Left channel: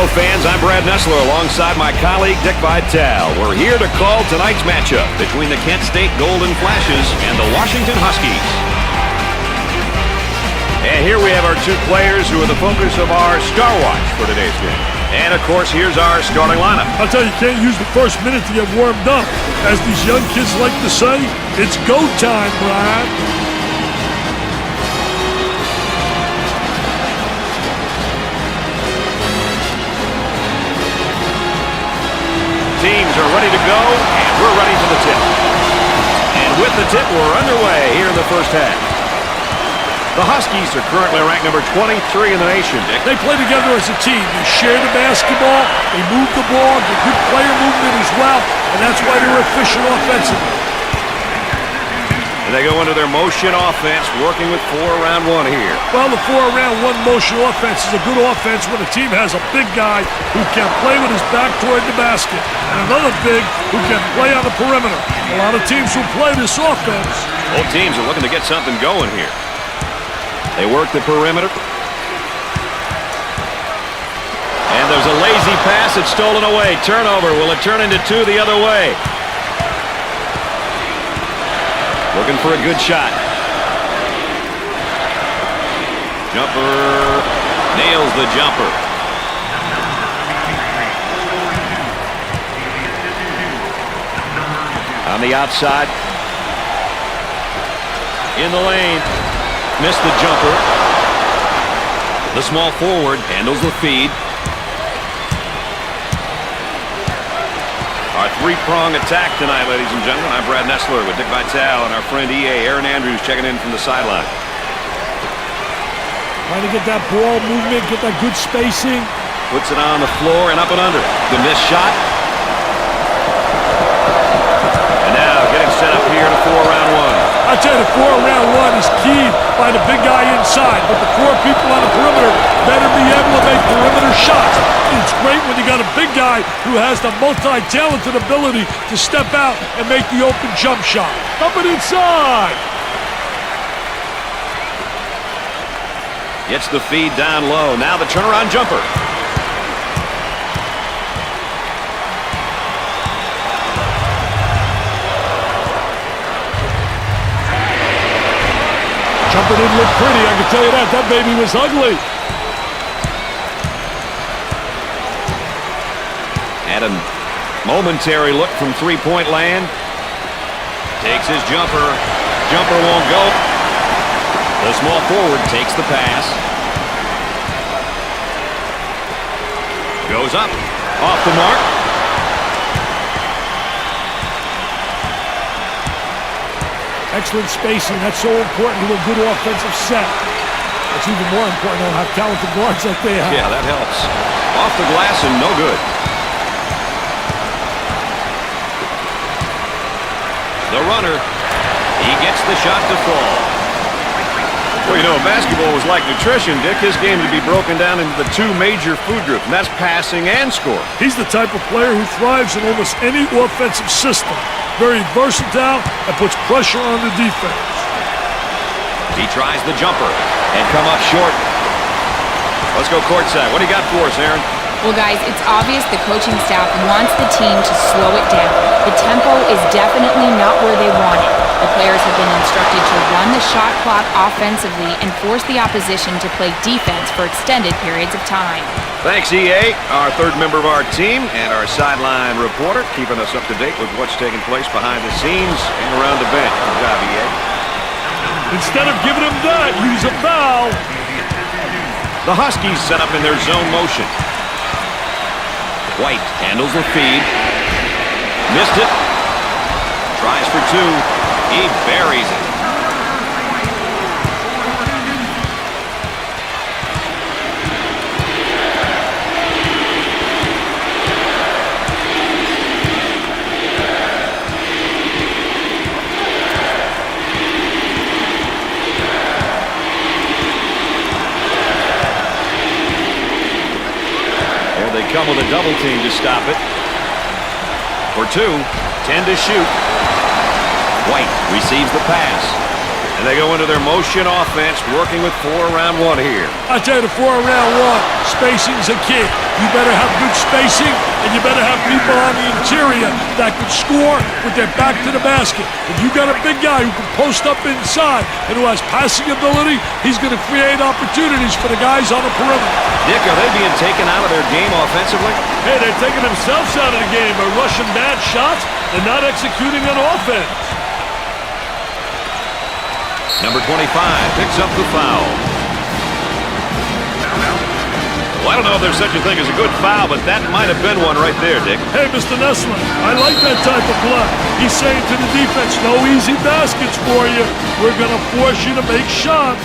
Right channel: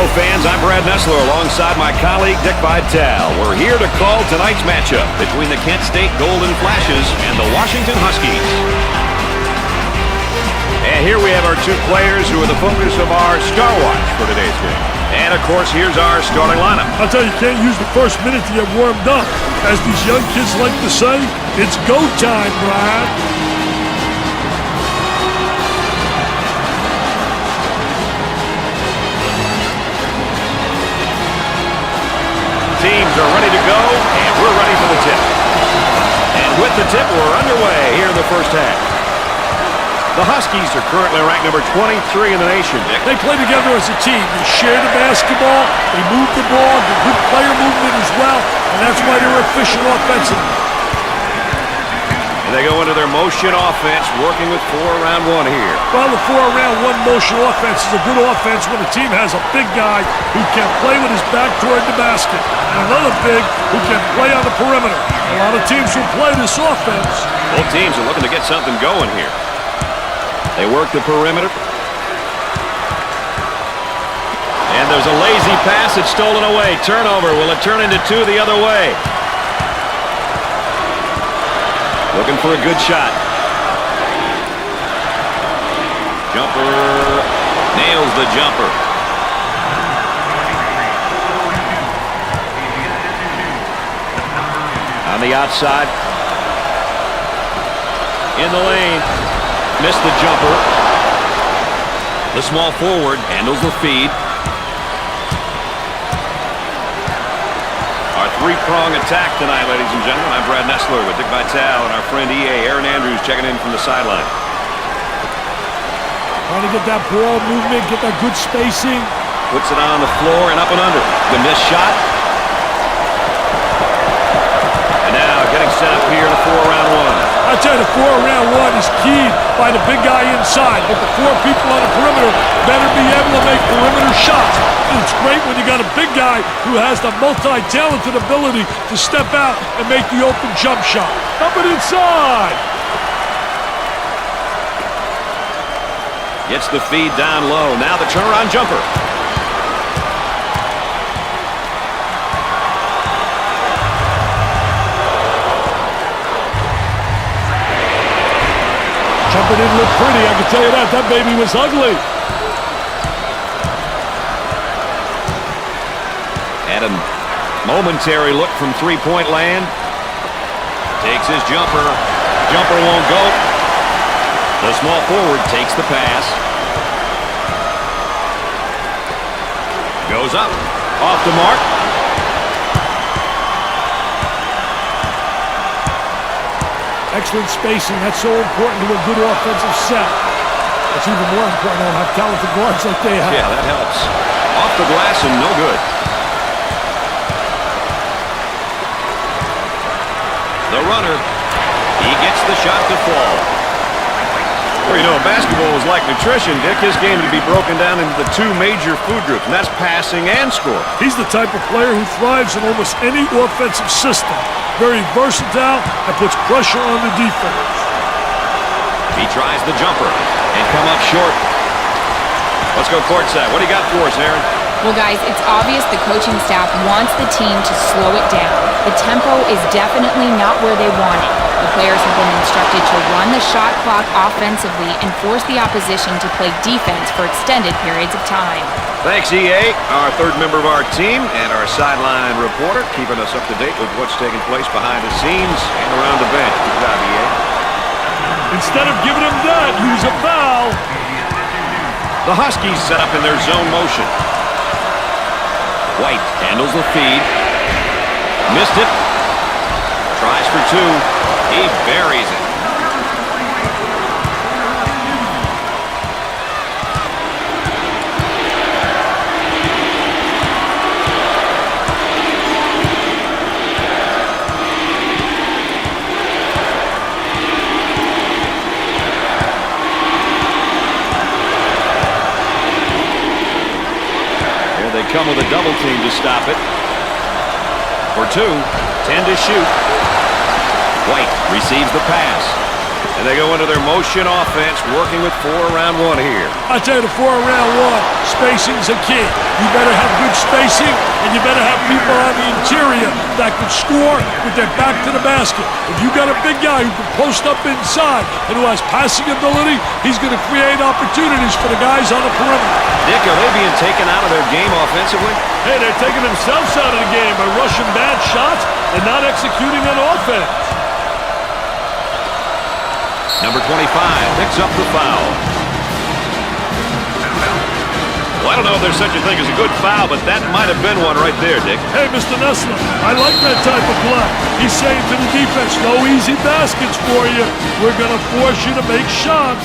Hello, fans. I'm Brad Nessler alongside my colleague Dick Vitale. We're here to call tonight's matchup between the Kent State Golden Flashes and the Washington Huskies. And here we have our two players who are the focus of our Star Watch for today's game. And, of course, here's our starting lineup. I'll tell you, you can't use the first minute to get warmed up. As these young kids like to say, it's go time, Brad. Teams are ready to go, and we're ready for the tip. And with the tip, we're underway here in the first half. The Huskies are currently ranked number 23 in the nation, Dick. They play together as a team. They share the basketball, they move the ball, get good player movement as well, and that's why they're efficient offensively. And they go into their motion offense, working with 4 around 1 here. Well, the 4 around 1 motion offense is a good offense when a team has a big guy who can play with his back toward the basket, and another big who can play on the perimeter. A lot of teams will play this offense. Both teams are looking to get something going here. They work the perimeter. And there's a lazy pass. It's stolen away. Turnover. Will it turn into 2 the other way? Looking for a good shot. Jumper. Nails the jumper. On the outside. In the lane. Missed the jumper. The small forward handles the feed. Our 3-prong attack tonight, ladies and gentlemen. I'm Brad Nessler with Dick Vitale and our friend EA Aaron Andrews checking in from the sideline. Trying to get that ball movement, get that good spacing. Puts it on the floor and up and under. The missed shot. And now getting set up here in a 4 around 1. I tell you, the 4 around 1 is keyed by the big guy inside, but the 4 people on the perimeter better be able to make perimeter shots. And it's great when you got a big guy who has the multi-talented ability to step out and make the open jump shot. Up and inside. Gets the feed down low. Now the turnaround jumper. Jumper didn't look pretty, I can tell you that. That baby was ugly. Had a momentary look from 3-point land. Takes his jumper. Jumper won't go. The small forward takes the pass. Goes up. Off the mark. Excellent spacing. That's so important to a good offensive set. It's even more important to have talented guards like they have. Yeah, that helps. Off the glass and no good. The runner. He gets the shot to fall. Well, you know, basketball was like nutrition, Dick. His game would be broken down into the 2 major food groups, and that's passing and scoring. He's the type of player who thrives in almost any offensive system. Very versatile and puts pressure on the defense. He tries the jumper and come up short. Let's go courtside. What do you got for us, Aaron? Well, guys, it's obvious the coaching staff wants the team to slow it down. The tempo is definitely not where they want it. The players have been instructed to run the shot clock offensively and force the opposition to play defense for extended periods of time. Thanks, EA, our 3rd member of our team, and our sideline reporter, keeping us up to date with what's taking place behind the scenes and around the bench. Good job, EA. Instead of giving him that, use a foul. The Huskies set up in their zone motion. White handles the feed. Missed it. Tries for 2. He buries it. Here they come with a double team to stop it. For 2, 10 to shoot. White receives the pass. And they go into their motion offense, working with 4 around 1 here. I tell you, the 4 around 1, spacing's a key. You better have good spacing, and you better have people on the interior that can score with their back to the basket. If you got a big guy who can post up inside and who has passing ability, he's going to create opportunities for the guys on the perimeter. Dick, are they being taken out of their game offensively? Hey, they're taking themselves out of the game by rushing bad shots and not executing on offense. Number 25 picks up the foul. Well, I don't know if there's such a thing as a good foul, but that might have been one right there, Dick. Hey, Mr. Nessler, I like that type of play. He's saying to the defense, no easy baskets for you. We're going to force you to make shots.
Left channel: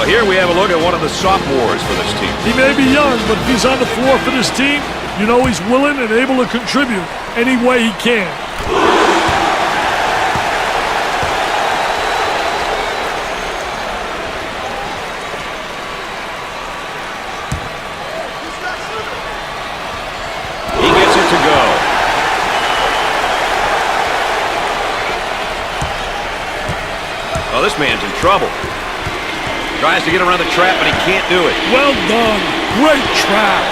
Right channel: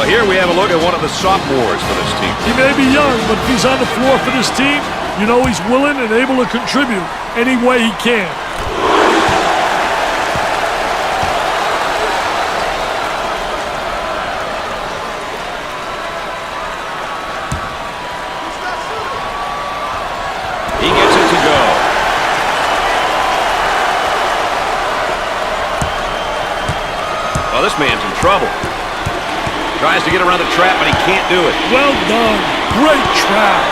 Well, here we have a look at one of the sophomores for this team. He may be young, but if he's on the floor for this team, you know he's willing and able to contribute any way he can. He gets it to go. Oh, this man's in trouble. Tries to get around the trap, but he can't do it. Well done. Great trap.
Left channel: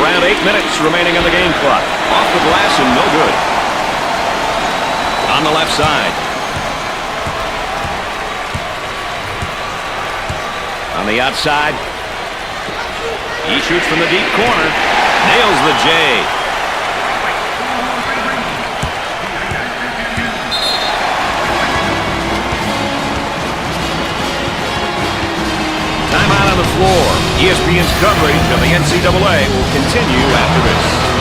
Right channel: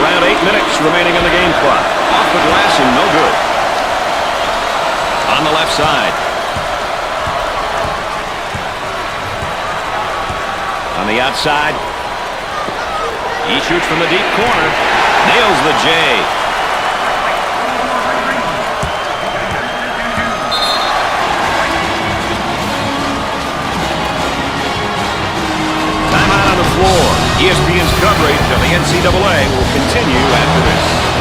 Around 8 minutes remaining on the game clock. Off the glass and no good. On the left side. On the outside, he shoots from the deep corner, nails the J. Timeout on the floor. ESPN's coverage of the NCAA will continue after this.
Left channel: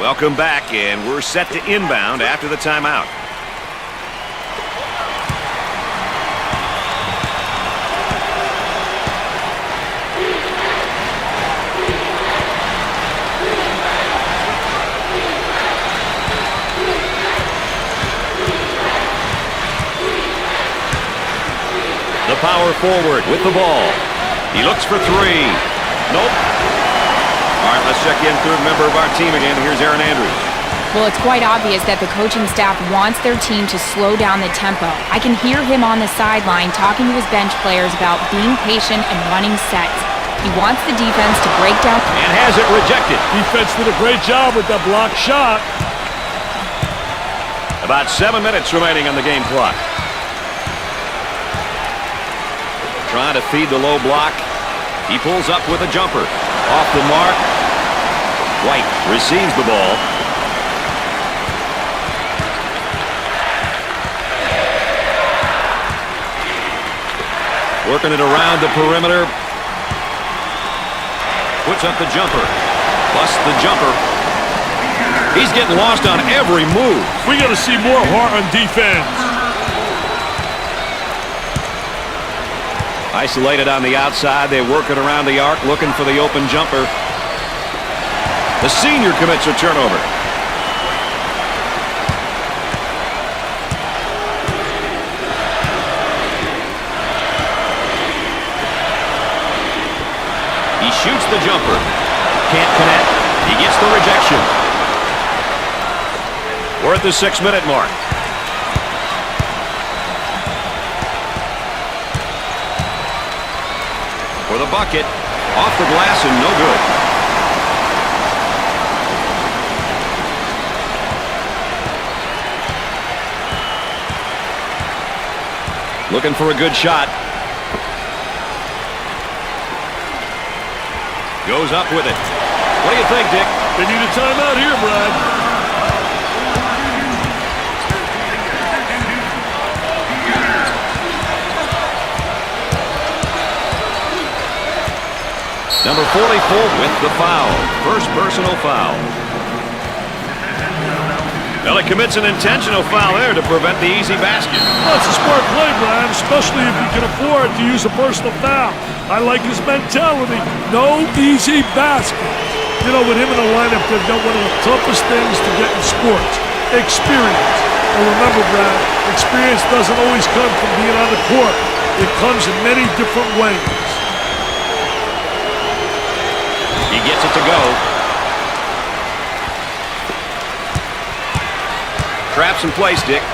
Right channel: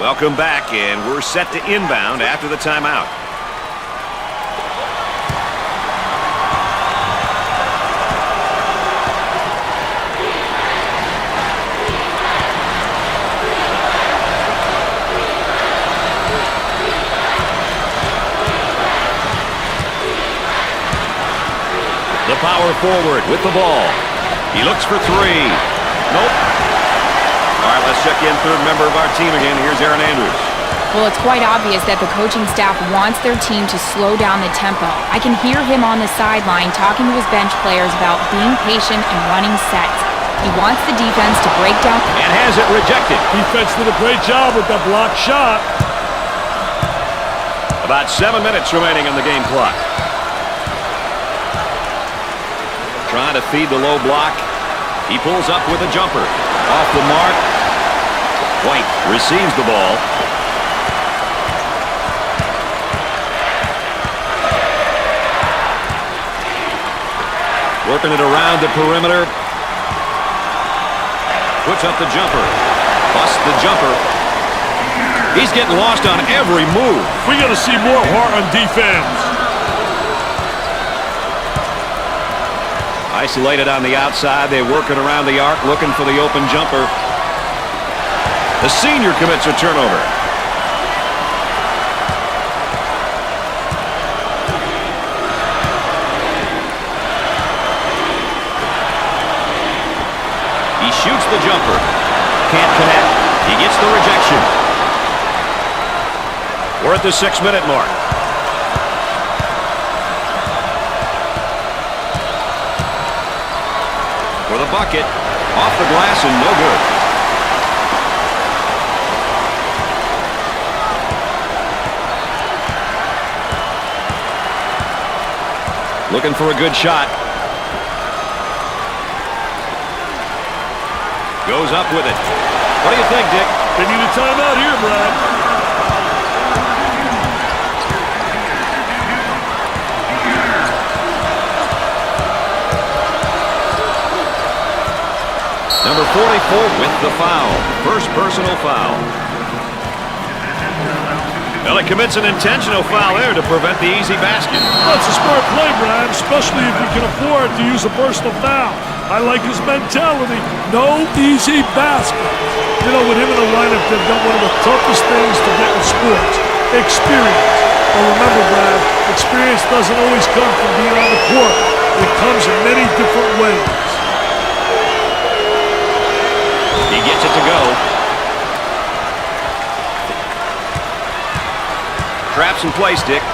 Welcome back, and we're set to inbound after the timeout. The power forward with the ball. He looks for 3. Nope. All right, let's check in third member of our team again. Here's Aaron Andrews. Well, it's quite obvious that the coaching staff wants their team to slow down the tempo. I can hear him on the sideline talking to his bench players about being patient and running sets. He wants the defense to break down. And has it rejected. Defense did a great job with that block shot. About 7 minutes remaining on the game clock. Trying to feed the low block. He pulls up with a jumper. Off the mark. White receives the ball. Working it around the perimeter. Puts up the jumper. Busts the jumper. He's getting lost on every move. We got to see more heart on defense. Isolated on the outside. They work it around the arc, looking for the open jumper. The senior commits a turnover. He shoots the jumper. Can't connect. He gets the rejection. We're at the 6-minute mark. For the bucket, off the glass and no good. Looking for a good shot. Goes up with it. What do you think, Dick? They need a timeout here, Brad. Number 44 with the foul. First personal foul. Well, he commits an intentional foul there to prevent the easy basket. Well, it's a smart play, Brad, especially if you can afford to use a personal foul. I like his mentality. No easy basket. You know, with him in the lineup, they've got one of the toughest things to get in sports. Experience. But remember, Brad, experience doesn't always come from being on the court. It comes in many different ways. He gets it to go. Traps in place, Dick.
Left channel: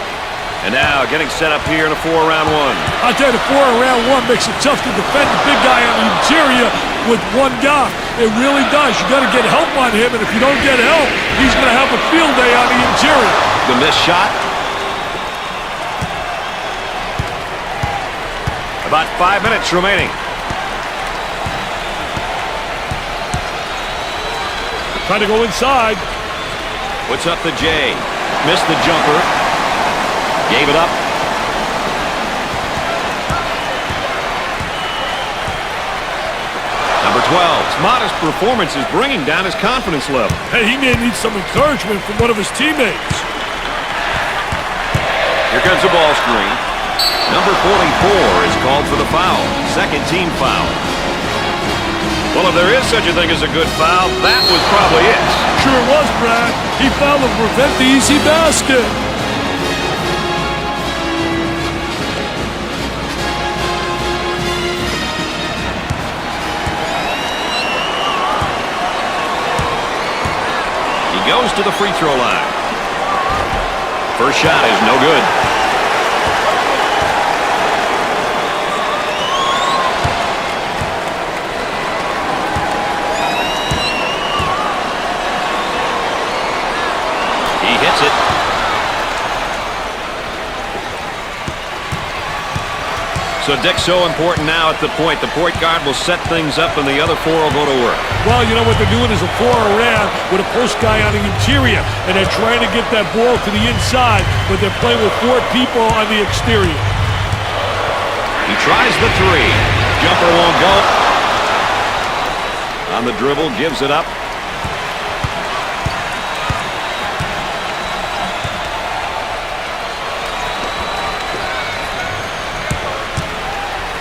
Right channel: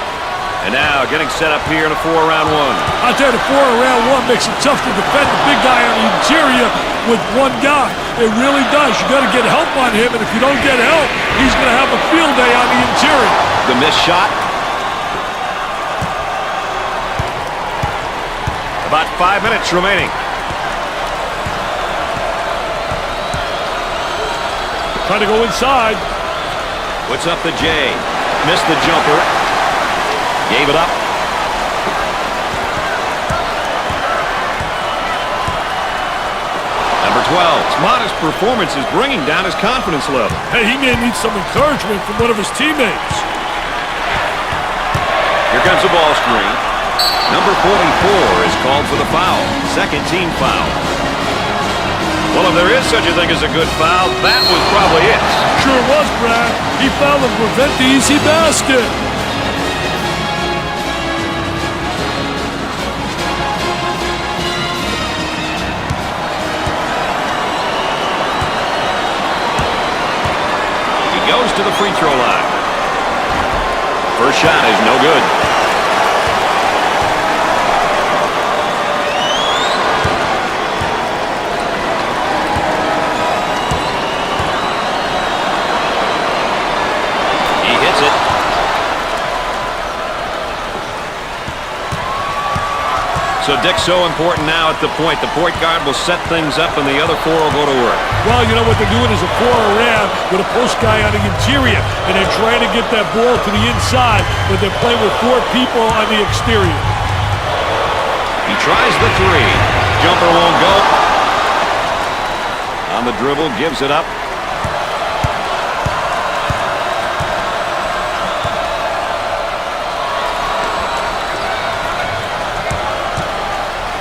And now getting set up here in a 4-round one. I tell you, the 4-round one makes it tough to defend the big guy on the interior with one guy. It really does. You got to get help on him, and if you don't get help, he's going to have a field day on the interior. The missed shot. About 5 minutes remaining. Trying to go inside. Puts up the J. Missed the jumper. Gave it up. Number 12. His modest performance is bringing down his confidence level. Hey, he may need some encouragement from one of his teammates. Here comes the ball screen. Number 44 is called for the foul. Second team foul. Well, if there is such a thing as a good foul, that was probably it. Sure was, Brad. He fouled to prevent the easy basket. He goes to the free throw line. First shot is no good. He hits it. So Dick's so important now at the point. The point guard will set things up and the other four will go to work. Well, you know what they're doing is a 4-around with a post guy on the interior, and they're trying to get that ball to the inside, but they're playing with 4 people on the exterior. He tries the 3. Jumper won't go. On the dribble, gives it up.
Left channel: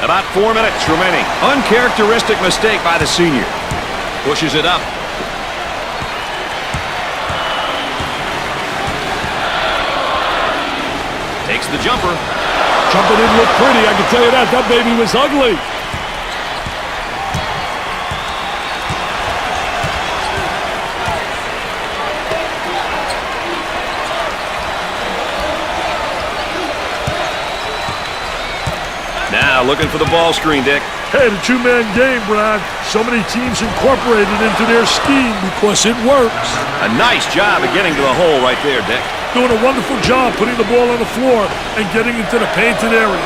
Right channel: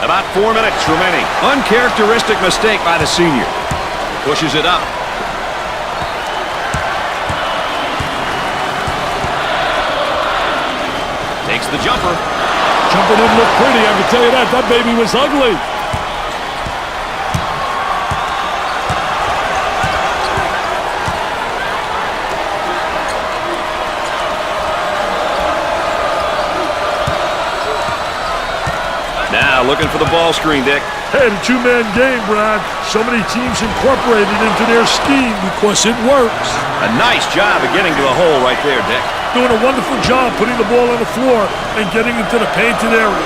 About 4 minutes remaining. Uncharacteristic mistake by the senior. Pushes it up. Takes the jumper. Jumper didn't look pretty, I can tell you that. That baby was ugly. Now looking for the ball screen, Dick. Hey, the 2-man game, Brad. So many teams incorporated into their scheme because it works. A nice job of getting to the hole right there, Dick. Doing a wonderful job putting the ball on the floor and getting into the painted area.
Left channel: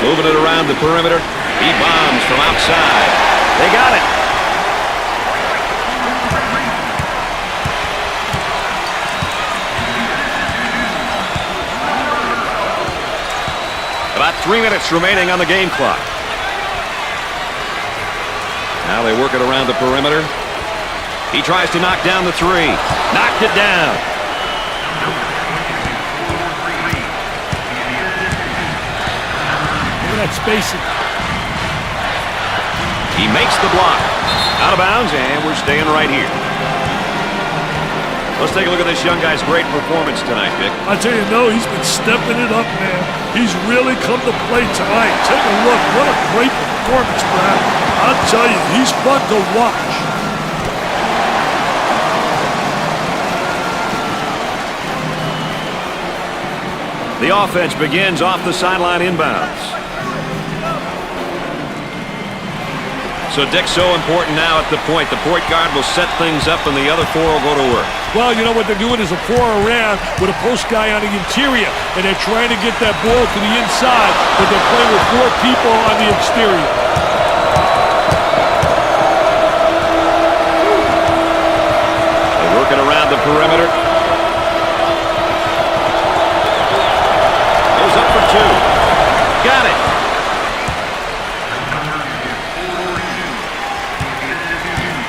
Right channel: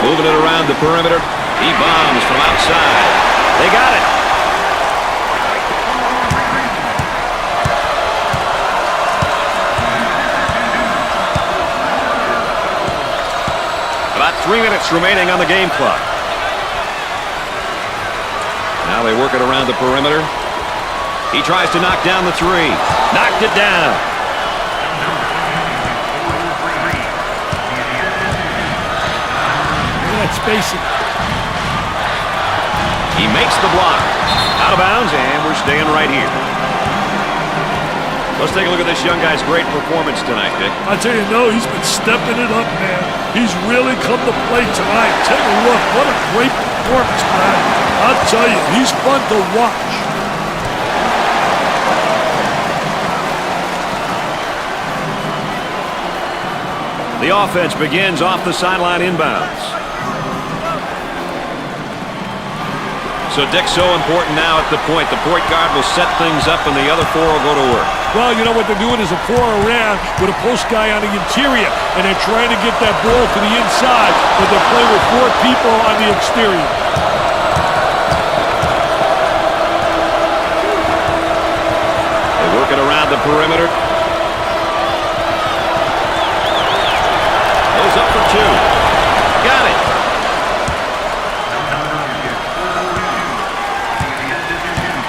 Moving it around the perimeter. He bombs from outside. They got it. About 3 minutes remaining on the game clock. Now they work it around the perimeter. He tries to knock down the 3. Knocked it down. Look at that spacing. He makes the block. Out of bounds, and we're staying right here. Let's take a look at this young guy's great performance tonight, Dick. I tell you, no, he's been stepping it up, man. He's really come to play tonight. Take a look. What a great performance, Brad. I'll tell you, he's fun to watch. The offense begins off the sideline inbounds. So Dick's so important now at the point. The point guard will set things up and the other 4 will go to work. Well, you know what they're doing is a 4-around with a post guy on the interior, and they're trying to get that ball to the inside, but they're playing with 4 people on the exterior. working around the perimeter. Goes up for two. Got it.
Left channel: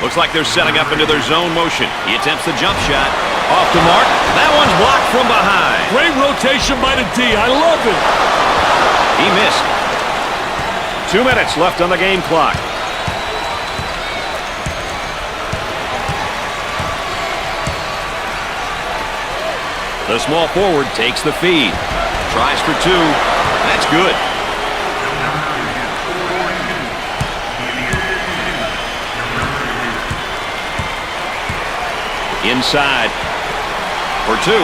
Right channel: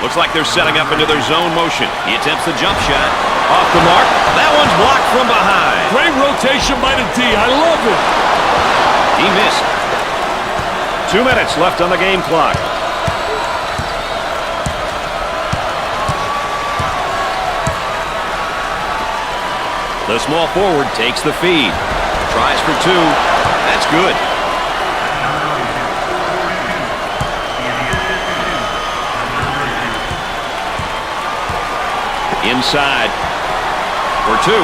Looks like they're setting up into their zone motion. He attempts the jump shot. Off the mark. That one's blocked from behind. Great rotation by the D. I love it. He missed. 2 minutes left on the game clock. The small forward takes the feed. Tries for two. That's good. Inside for two.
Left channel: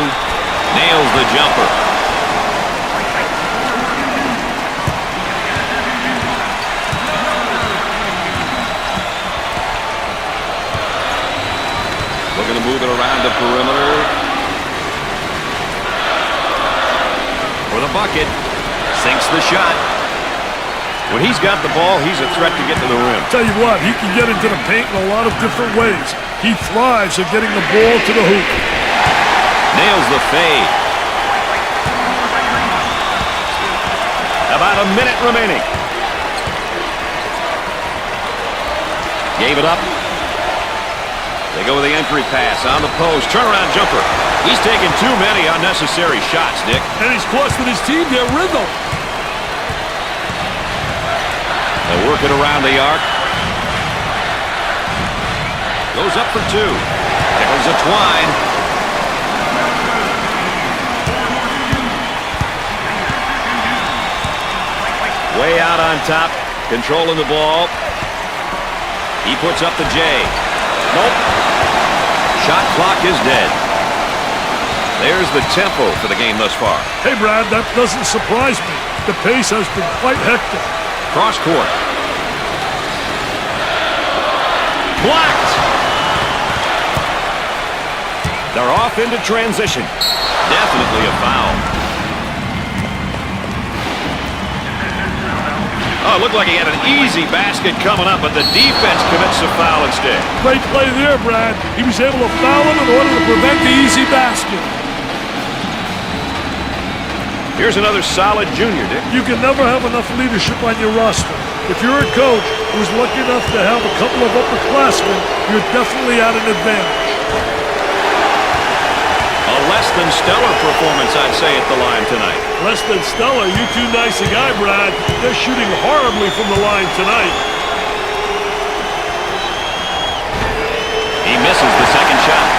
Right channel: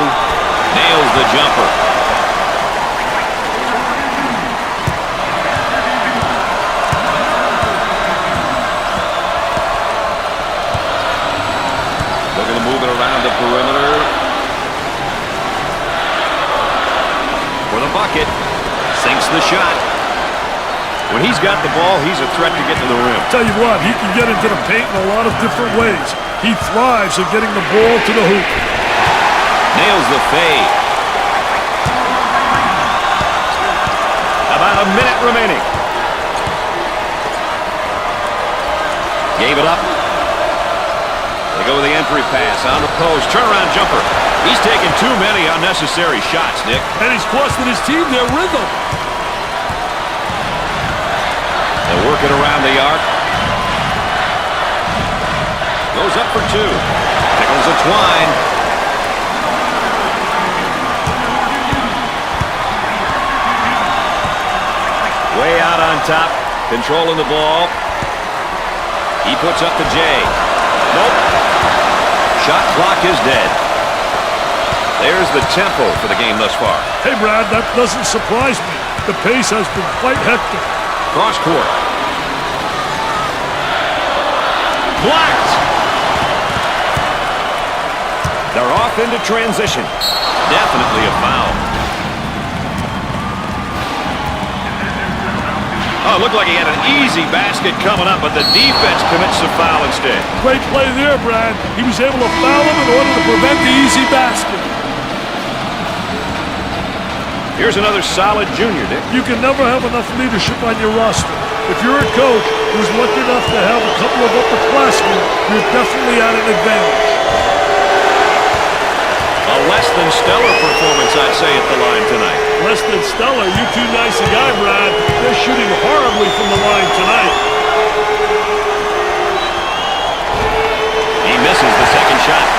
Nails the jumper. Looking to move it around the perimeter. For the bucket. Sinks the shot. When he's got the ball, he's a threat to get to the rim. Tell you what, he can get into the paint in a lot of different ways. He thrives at getting the ball to the hoop. Nails the fade. About a minute remaining. Gave it up. They go with the entry pass on the post. Turnaround jumper. He's taken too many unnecessary shots, Dick. And he's costing his team their rhythm. They'll work it around the arc. Goes up for two. Tickles a twine. Way out on top. Controlling the ball. He puts up the J. Nope. Shot clock is dead. There's the tempo for the game thus far. Hey, Brad, that doesn't surprise me. The pace has been quite hectic. Cross court. Blocked. They're off into transition. Definitely a foul. Oh, it looked like he had an easy basket coming up, but the defense commits a foul instead. Great play there, Brad. He was able to foul him in order to prevent the easy basket. Here's another solid junior, Dick. You can never have enough leadership on your roster. If you're a coach who's lucky enough to have a couple of upperclassmen, you're definitely at an advantage. A less than stellar performance, I'd say, at the line tonight. Less than stellar? You're too nice a guy, Brad. They're shooting horribly from the line tonight. He misses the second shot.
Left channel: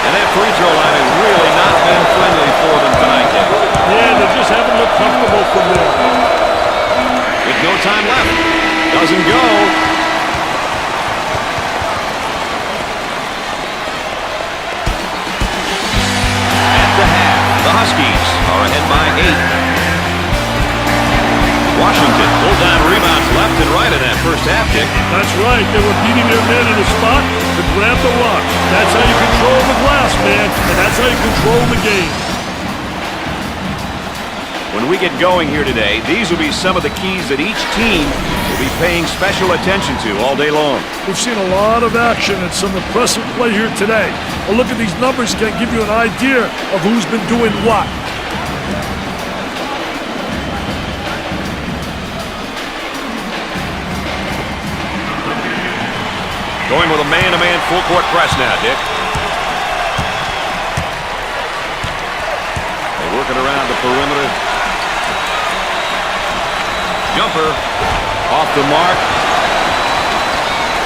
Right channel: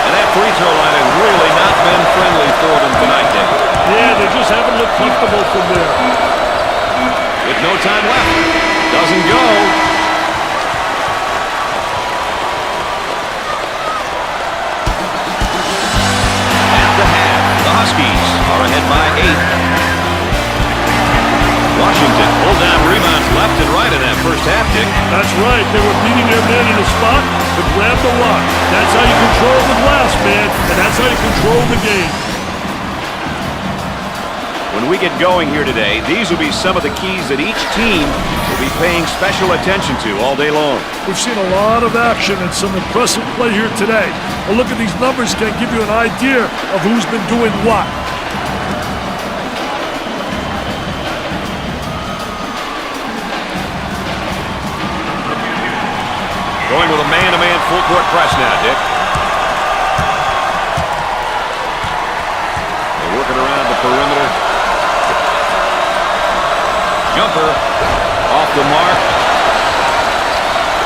And that free throw line has really not been friendly for them tonight, Dick. Yeah, they just haven't looked comfortable from there. With no time left. Doesn't go. At the half, the Huskies are ahead by 8. Washington pulled down rebounds left and right in that first half, Dick. That's right. They were beating their man in a spot to grab the rock. That's how you control the glass, man, and that's how you control the game. When we get going here today, these will be some of the keys that each team will be paying special attention to all day long. We've seen a lot of action and some impressive play here today. A look at these numbers can give you an idea of who's been doing what. Going with a man-to-man full-court press now, Dick. They work it around the perimeter. Jumper off the mark.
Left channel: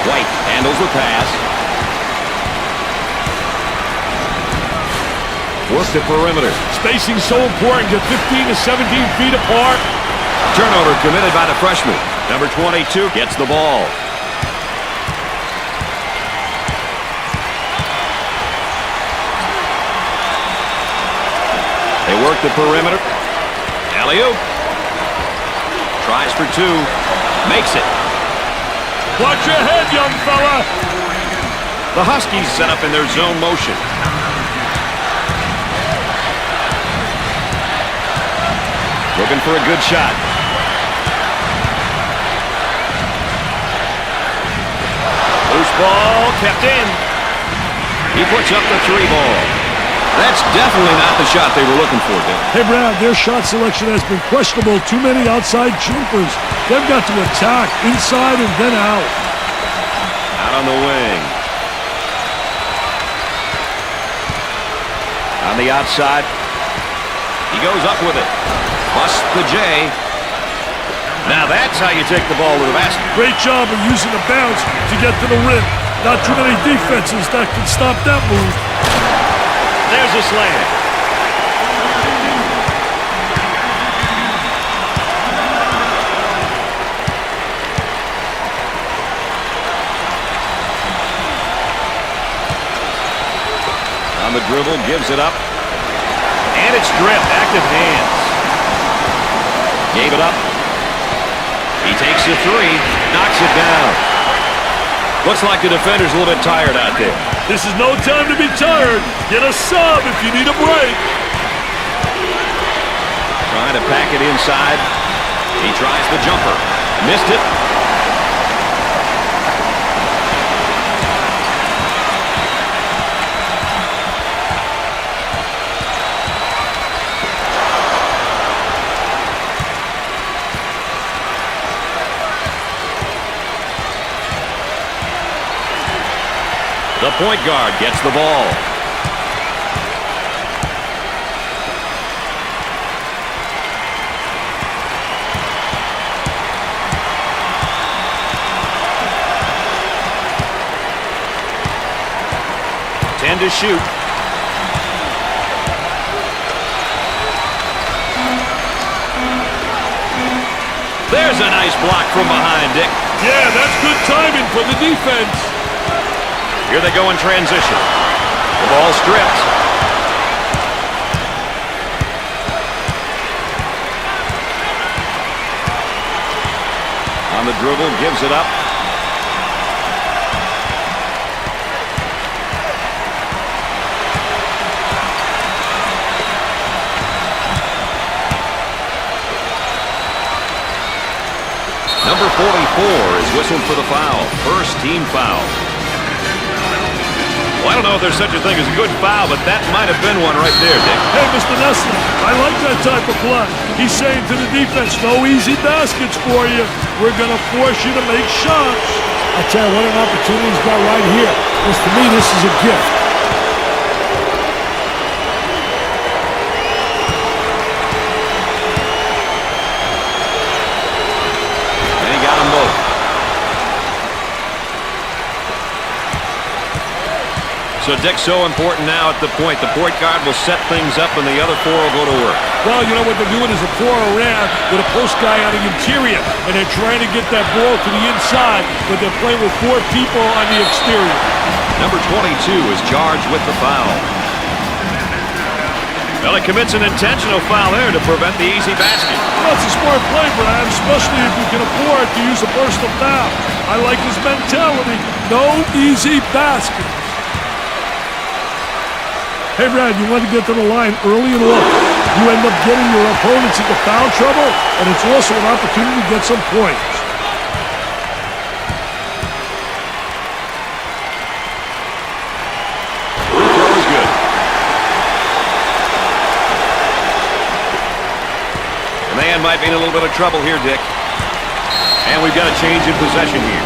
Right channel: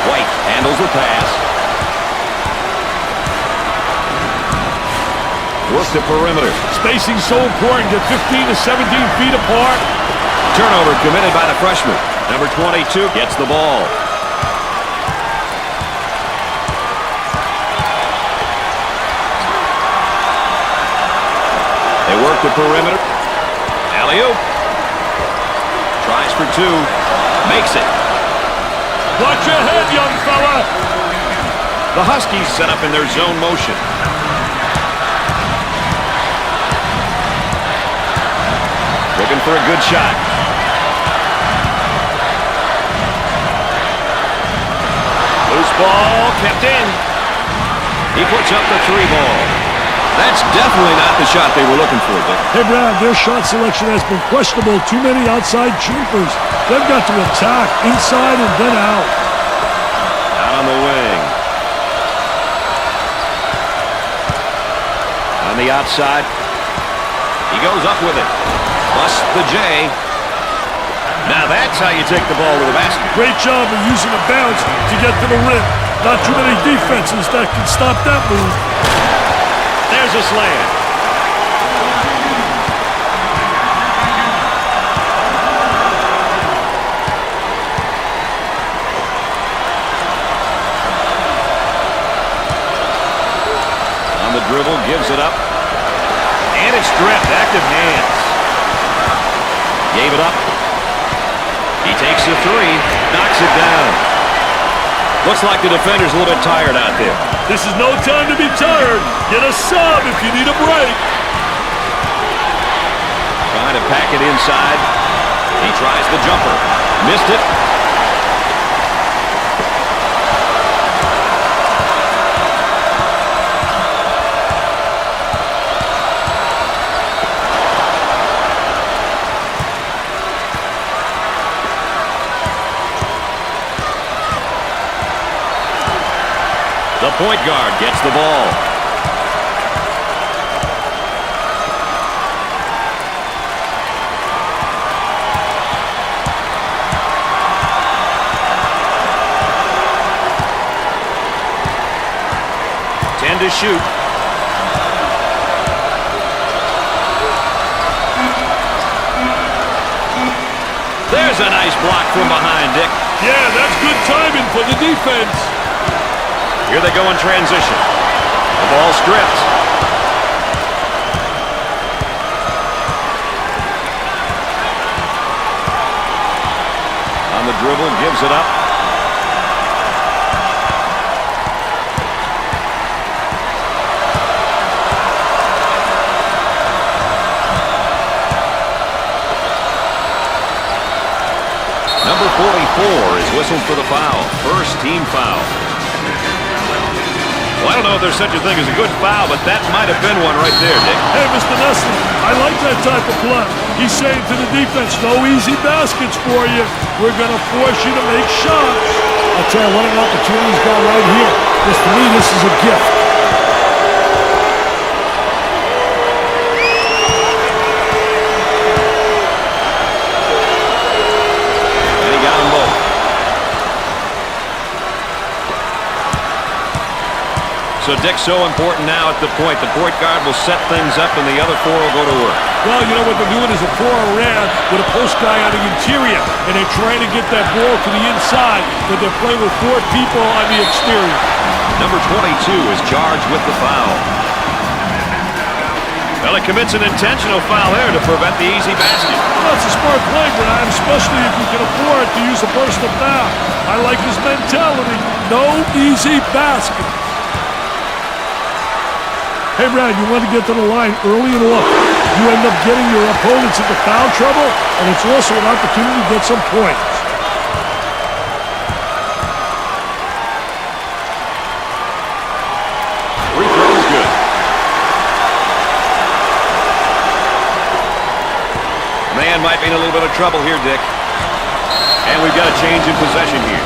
White handles the pass. Work the perimeter. Spacing so important. Get 15 to 17 feet apart. Turnover committed by the freshman. Number 22 gets the ball. They work the perimeter. Alley-oop. Tries for two. Makes it. Watch your head, young fella. The Huskies set up in their zone motion. Looking for a good shot. Loose ball kept in. He puts up the 3 ball. That's definitely not the shot they were looking for, Dick. Hey, Brad, their shot selection has been questionable. Too many outside jumpers. They've got to attack inside and then out. Out on the wing. On the outside. He goes up with it. Busts the J. Now that's how you take the ball to the basket. Great job of using the bounce to get to the rim. Not too many defenses that can stop that move. There's a slam. On the dribble, gives it up. And it's stripped. Active hands. Gave it up. He takes the 3. Knocks it down. Looks like the defender's a little bit tired out there. This is no time to be tired. Get a sub if you need a break. Trying to pack it inside. He tries the jumper. Missed it. The point guard gets the ball. Ten to shoot. There's a nice block from behind, Dick. Yeah, that's good timing for the defense. Here they go in transition. The ball stripped. On the dribble, gives it up. Number 44 is whistled for the foul. First team foul. Well, I don't know if there's such a thing as a good foul, but that might have been one right there, Dick. Hey, Mr. Nessler, I like that type of play. He's saying to the defense, no easy baskets for you. We're going to force you to make shots. I tell you, what an opportunity he's got right here. Because to me, this is a gift. And he got them both. So, Dick, so important now at the point. The point guard will set things up, and the other 4 will go to work. Well, you know what they're doing is a 4 around with a post guy on the interior, and they're trying to get that ball to the inside, but they're playing with 4 people on the exterior. Number 22 is charged with the foul. Well, he commits an intentional foul there to prevent the easy basket. Well, that's a smart play, Brad, especially if you can afford to use a personal foul. I like his mentality. No easy basket. Hey, Brad, you want to get to the line early and often. You end up getting your opponents into foul trouble, and it's also an opportunity to get some points. Free throw is good. The man might be in a little bit of trouble here, Dick. And we've got a change in possession here.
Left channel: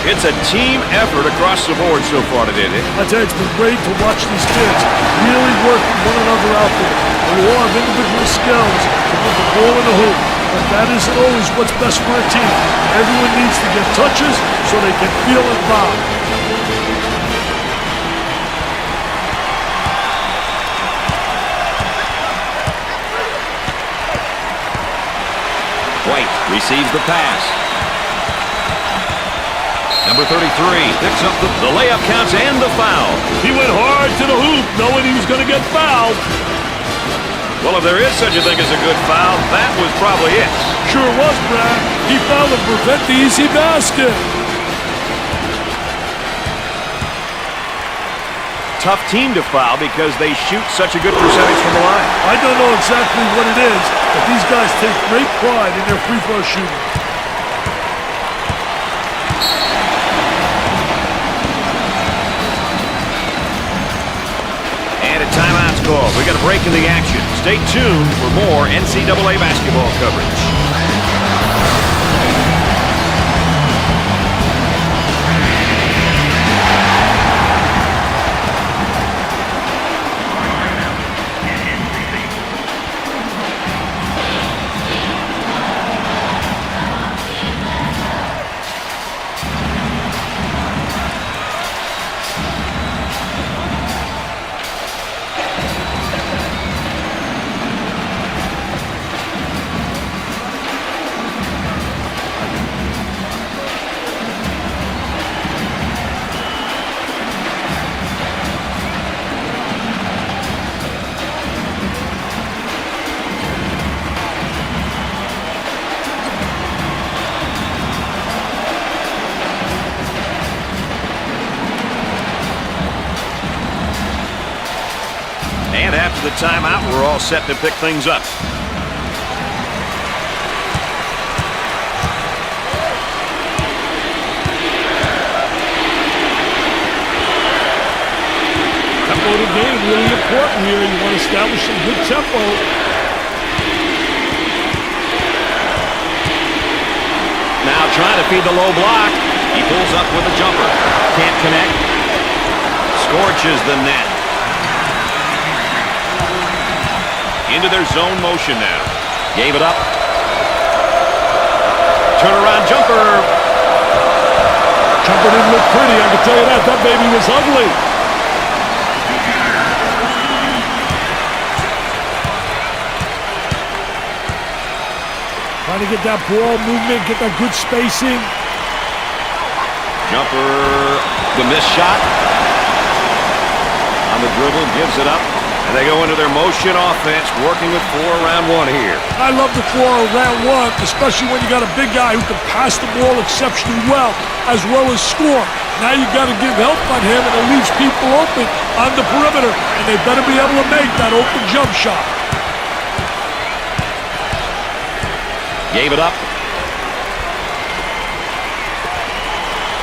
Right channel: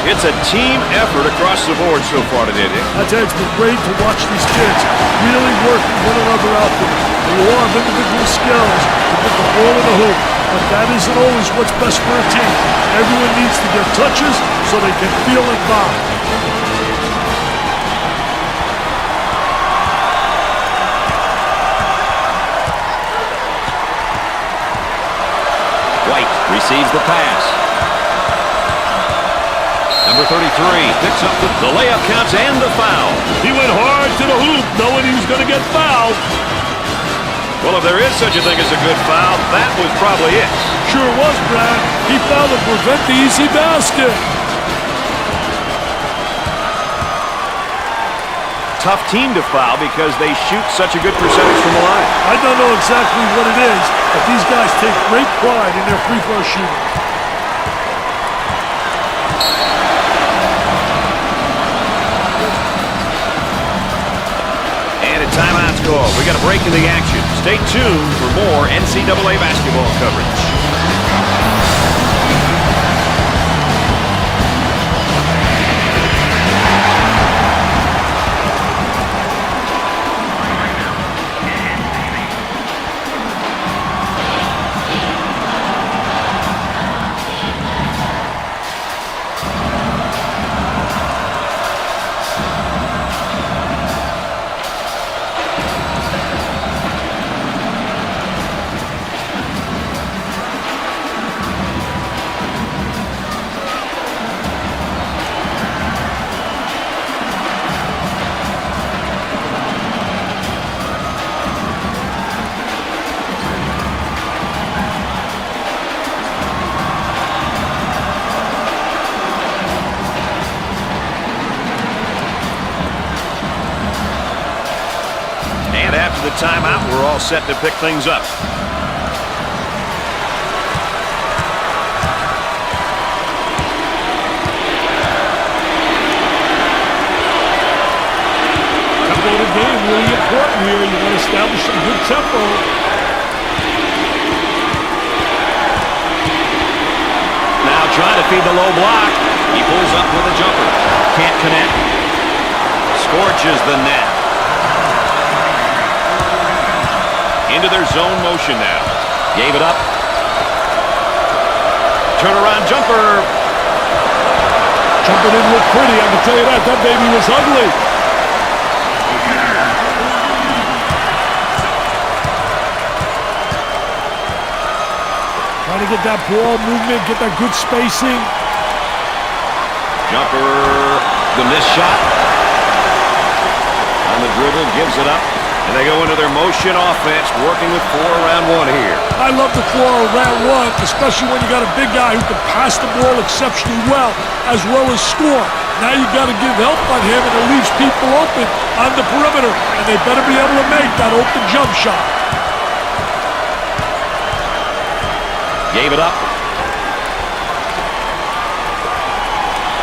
It's a team effort across the board so far today, Dick. I tell you, it's been great to watch these kids really working one another out there. They all have individual skills to put the ball in the hoop, but that isn't always what's best for a team. Everyone needs to get touches so they can feel involved. White receives the pass. Number 33 picks up the layup, counts, and the foul. He went hard to the hoop, knowing he was going to get fouled. Well, if there is such a thing as a good foul, that was probably it. Sure was, Brad. He fouled to prevent the easy basket. Tough team to foul because they shoot such a good percentage from the line. I don't know exactly what it is, but these guys take great pride in their free throw shooting. And a timeout's called. We got a break in the action. Stay tuned for more NCAA basketball coverage. And after the timeout, we're all set to pick things up. Tempo of the game, really important here. You want to establish some good tempo. Now trying to feed the low block. He pulls up with a jumper. Can't connect. Scorches the net. Into their zone motion now. Gave it up. Turnaround jumper. Jumper didn't look pretty, I can tell you that. That baby was ugly. Trying to get that ball movement, get that good spacing. Jumper, the missed shot. On the dribble, gives it up. And they go into their motion offense, working with 4 around 1 here. I love the 4 around 1, especially when you got a big guy who can pass the ball exceptionally well as score. Now you got to give help on him, and it leaves people open on the perimeter, and they better be able to make that open jump shot. Gave it up.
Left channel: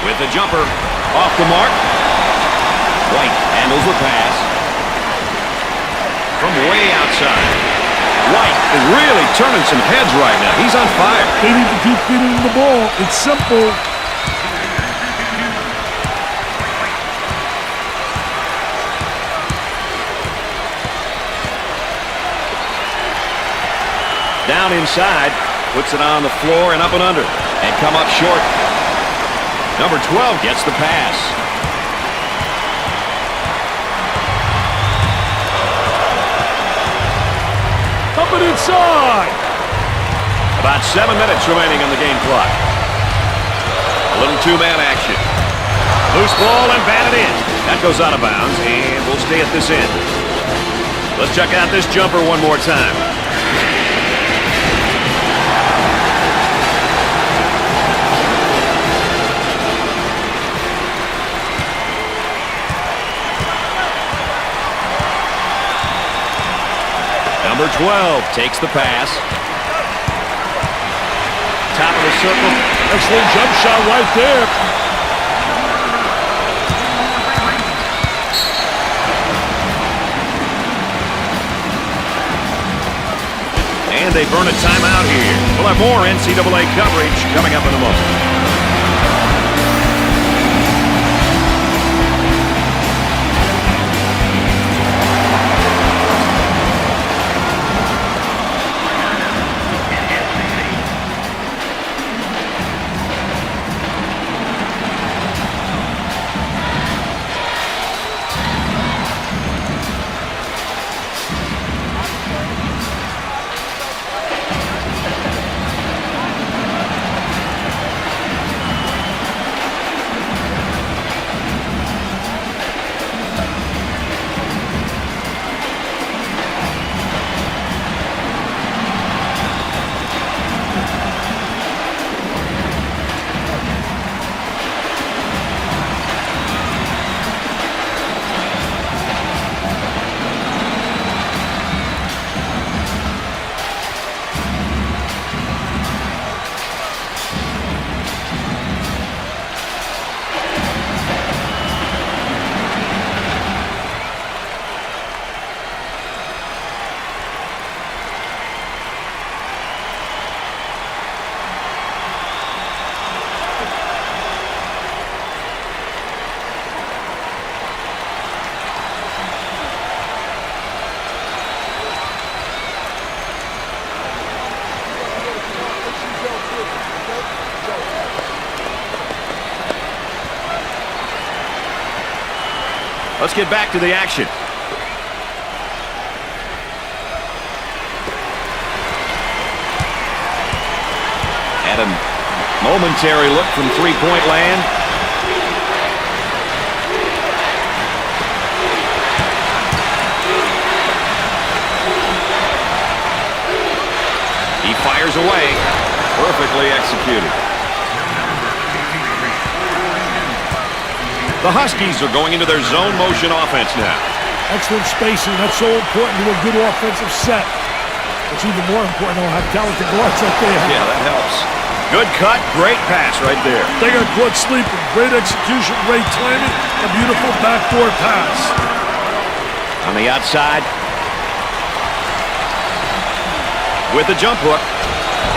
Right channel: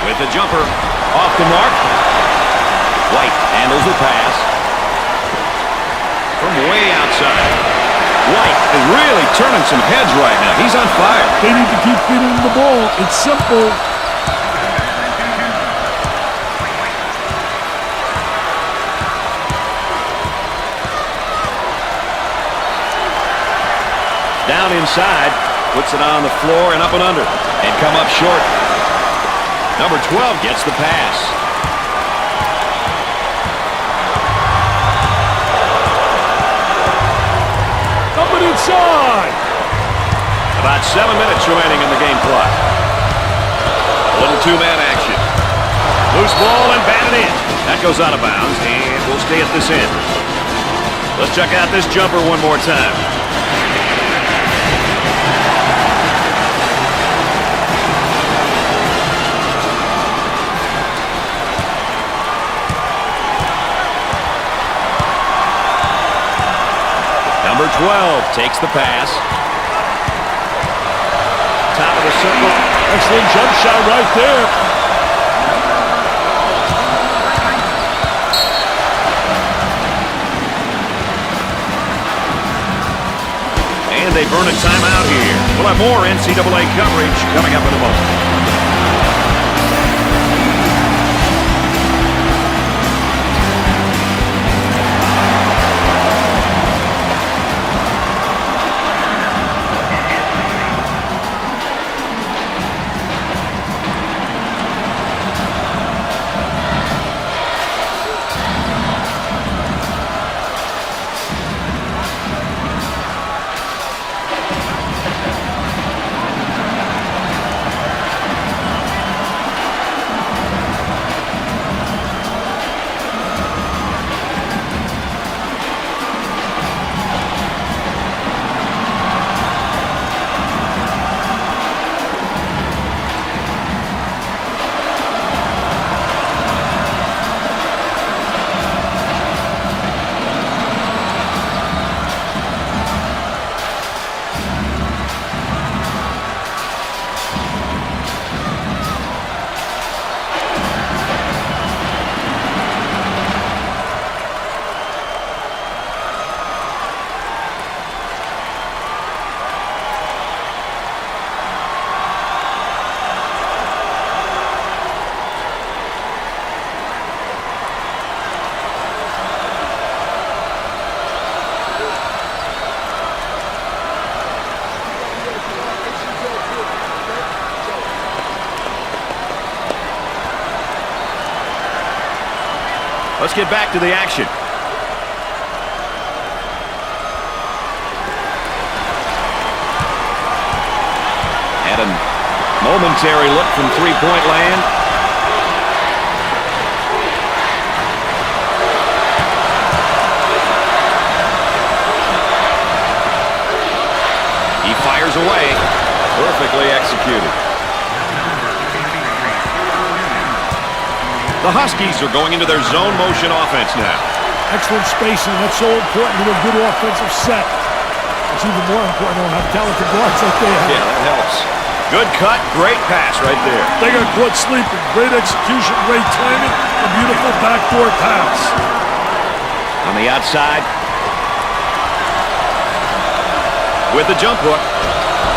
With the jumper. Off the mark. White handles the pass. From way outside. White is really turning some heads right now. He's on fire. They need to keep feeding him the ball. It's simple. Down inside. Puts it on the floor and up and under. And come up short. Number 12 gets the pass. Up and inside. About 7 minutes remaining on the game clock. A little 2-man action. Loose ball and batted in. That goes out of bounds, and we'll stay at this end. Let's check out this jumper one more time. Number 12 takes the pass. Top of the circle. Excellent jump shot right there. And they burn a timeout here. We'll have more NCAA coverage coming up in a moment. Let's get back to the action. Had a momentary look from three-point land. He fires away. Perfectly executed. The Huskies are going into their zone motion offense now. Excellent spacing. That's so important to a good offensive set. It's even more important to have talented guards like they have. Yeah, that helps. Good cut, great pass right there. They got caught sleeping. Great execution, great timing, a beautiful backdoor pass. On the outside. With the jump hook.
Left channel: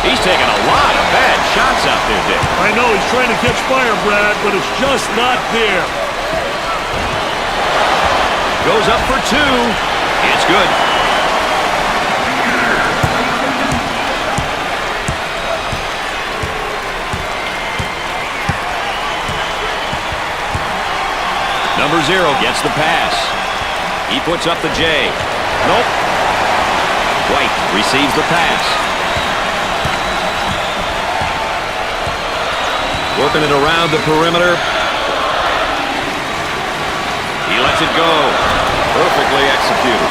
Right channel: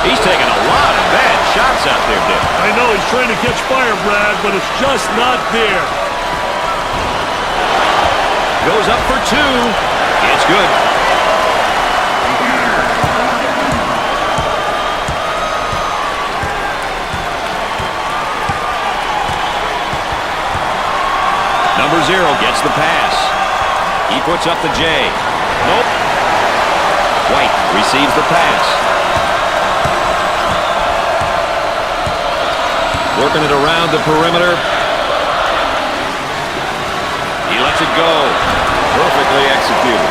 He's taking a lot of bad shots out there, Dick. I know, he's trying to catch fire, Brad, but it's just not there. Goes up for two. It's good. Number 0 gets the pass. He puts up the J. Nope. White receives the pass. Working it around the perimeter. He lets it go. Perfectly executed.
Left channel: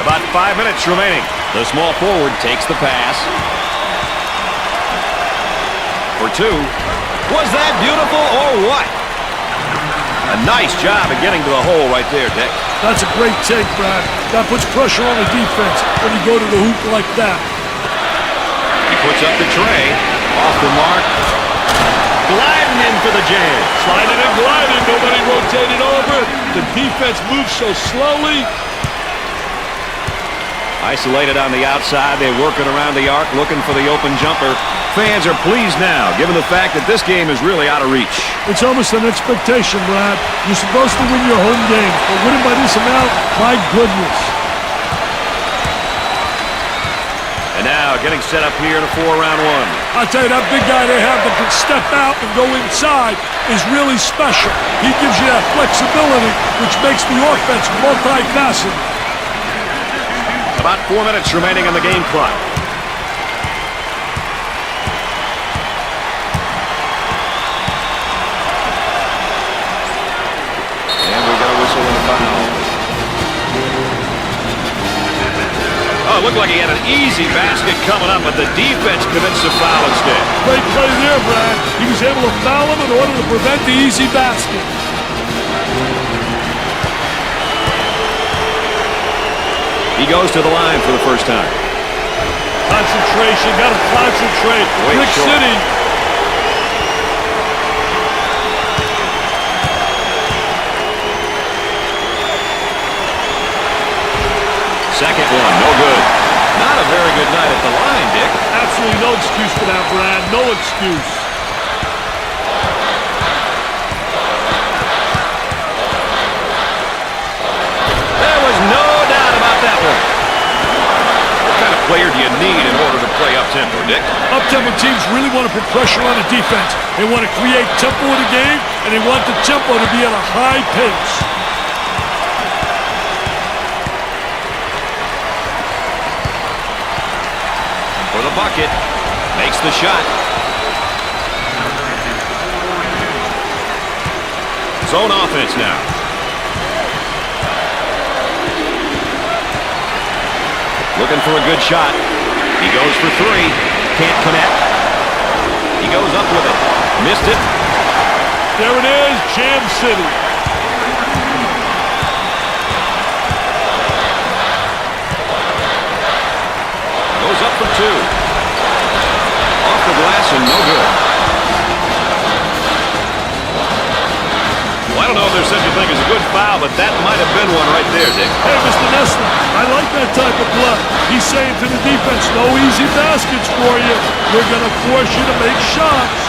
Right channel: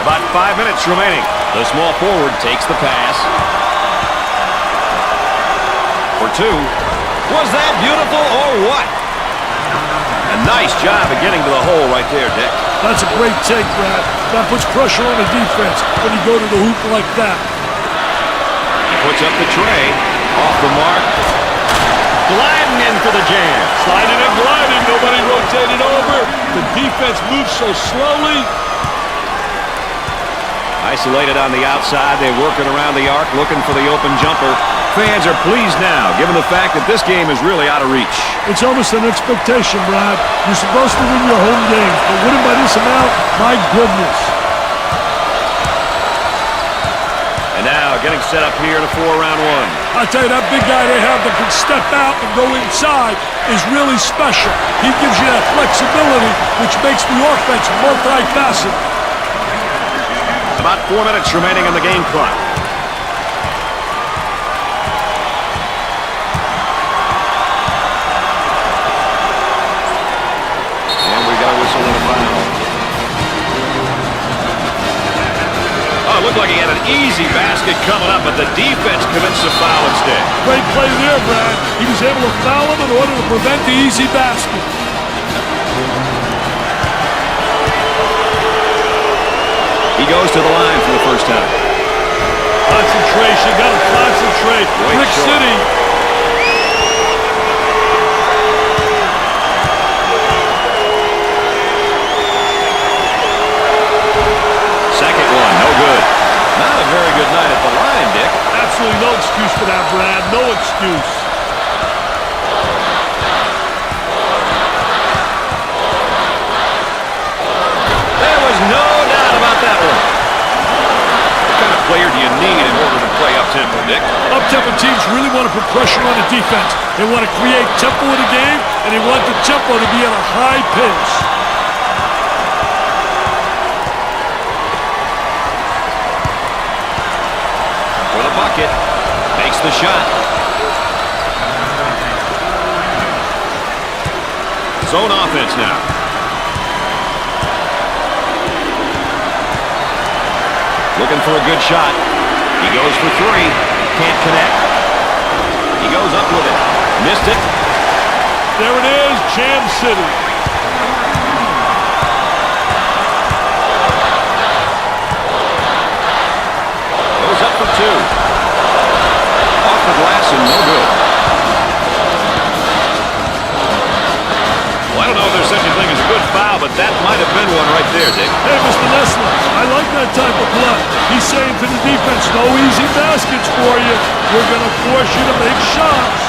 About 5 minutes remaining. The small forward takes the pass. For two. Was that beautiful or what? A nice job of getting to the hole right there, Dick. That's a great take, Brad. That puts pressure on the defense when you go to the hoop like that. He puts up the tray. Off the mark. Gliding in for the jam. Sliding and gliding. Nobody rotated over. The defense moves so slowly. Isolated on the outside. They're working around the arc, looking for the open jumper. Fans are pleased now, given the fact that this game is really out of reach. It's almost an expectation, Brad. You're supposed to win your home games, but winning by this amount, my goodness. And now getting set up here in a 4-round one. I'll tell you, that big guy they have that can step out and go inside is really special. He gives you that flexibility, which makes the offense multifaceted. About 4 minutes remaining on the game clock. And we got a whistle and a foul. Oh, it looked like he had an easy basket coming up, but the defense commits the foul instead. Great play there, Brad. He was able to foul him in order to prevent the easy basket. He goes to the line for the first time. Concentration, got to concentrate. Brick City. Second one, no good. Not a very good night at the line, Dick. Absolutely no excuse for that, Brad. No excuse. There was no doubt about that one. What kind of player do you need in order to play up-tempo, Dick? Up-tempo teams really want to put pressure on the defense. They want to create tempo in the game, and they want the tempo to be at a high pace. For the bucket. Makes the shot. Zone offense now. Looking for a good shot. He goes for three. Can't connect. He goes up with it. Missed it. There it is, Jam City. Goes up for two. Off the glass and no good. Well, I don't know if there's such a thing as a good foul, but that might have been one right there, Dick. Hey, Mr. Nessler, I like that type of play. He's saying to the defense, no easy baskets for you. We're going to force you to make shots.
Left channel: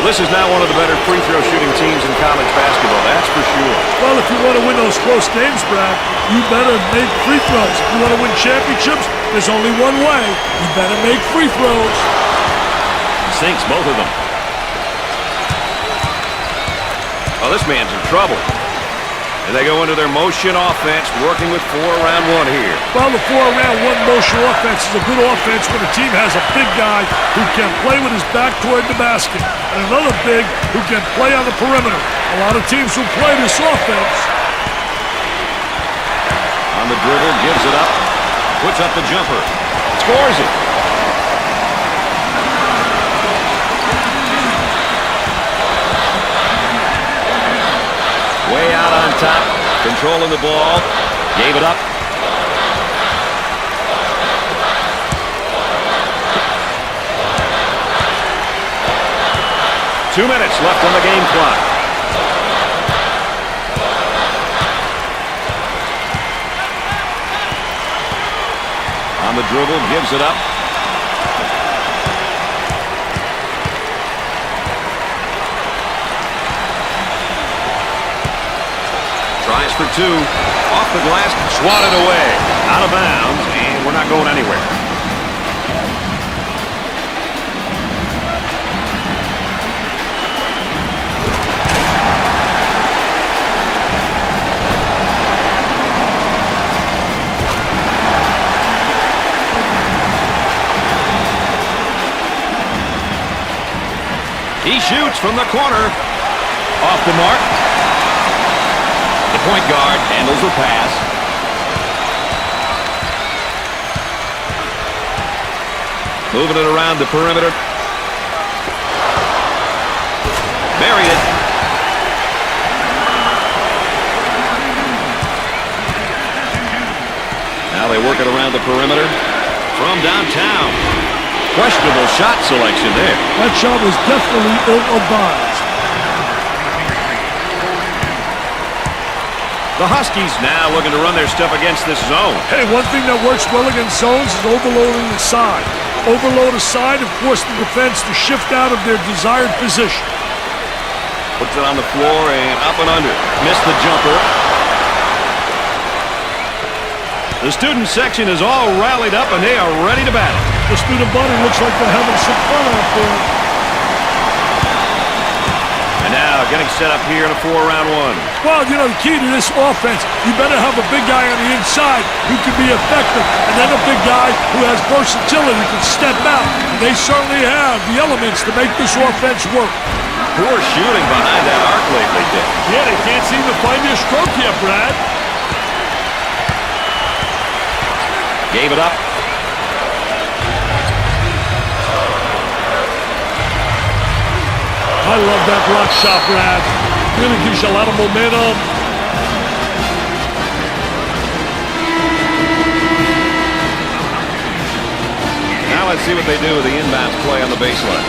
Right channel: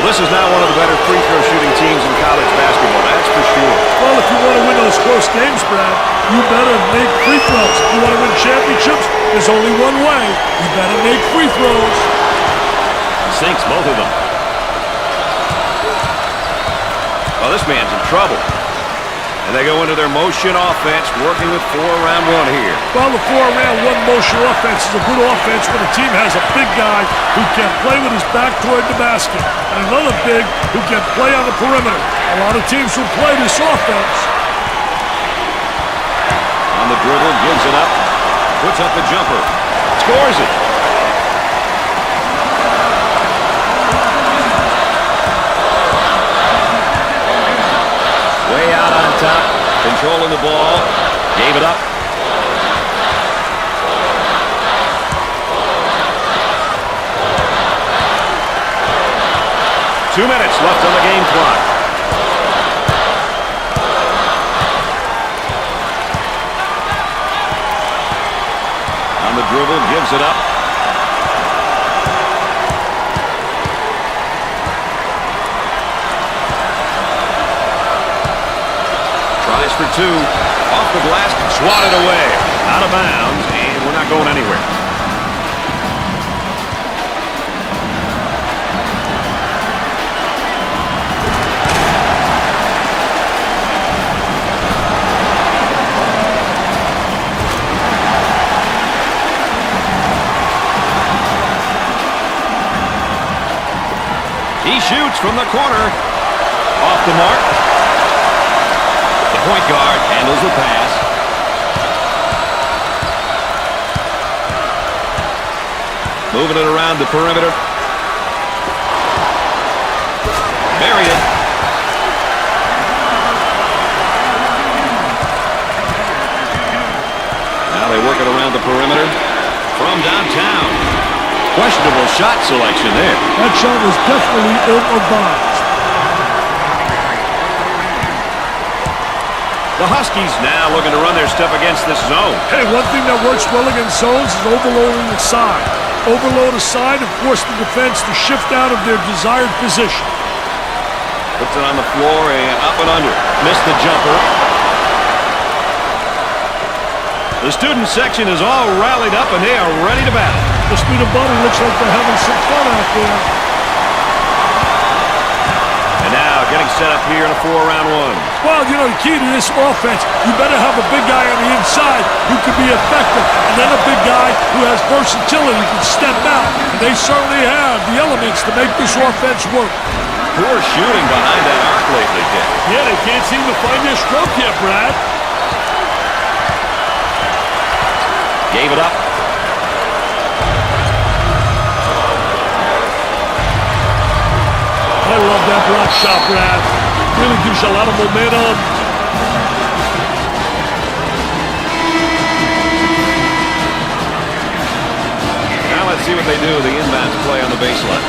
Well, this is now one of the better free throw shooting teams in college basketball, that's for sure. Well, if you want to win those close games, Brad, you better make free throws. If you want to win championships, there's only one way. You better make free throws. Sinks both of them. Oh, this man's in trouble. And they go into their motion offense, working with 4 around 1 here. Well, the 4 around 1 motion offense is a good offense when a team has a big guy who can play with his back toward the basket and another big who can play on the perimeter. A lot of teams will play this offense. On the dribble, gives it up, puts up the jumper, scores it. Way out on top, controlling the ball, gave it up. Two minutes left on the game clock. On the dribble, gives it up. Tries for 2. Off the glass, swatted away. Out of bounds, and we're not going anywhere. He shoots from the corner. Off the mark. The point guard handles the pass. Moving it around the perimeter. Buried it. Now they work it around the perimeter from downtown. Questionable shot selection there. That shot was definitely ill-advised. The Huskies now looking to run their stuff against this zone. Hey, one thing that works well against zones is overloading the side. Overload a side and force the defense to shift out of their desired position. Puts it on the floor and up and under. Missed the jumper. The student section is all rallied up and they are ready to battle. The student body looks like they're having some fun out there. And now getting set up here in a 4 around 1. Well, you know, the key to this offense, you better have a big guy on the inside who can be effective, and then a big guy who has versatility, who can step out. And they certainly have the elements to make this offense work. Poor shooting behind that arc lately, Dick. Yeah, they can't seem to find their stroke yet, Brad. Gave it up. I love that block shot, Brad. Really gives you a lot of momentum. Now let's see what they do with the inbounds play on the baseline.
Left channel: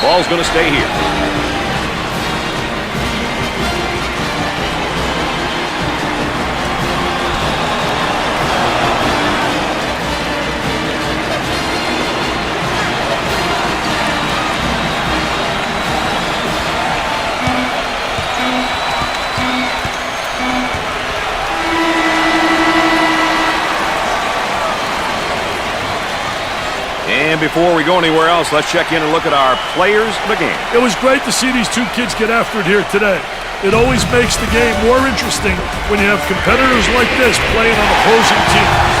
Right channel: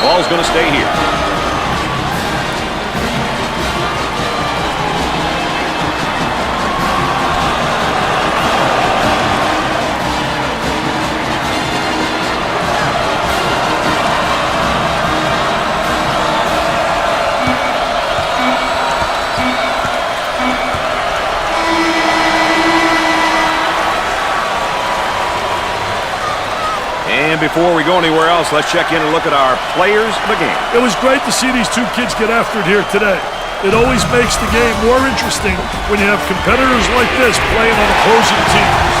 Ball's going to stay here. And before we go anywhere else, let's check in and look at our players of the game. It was great to see these two kids get after it here today. It always makes the game more interesting when you have competitors like this playing on opposing teams.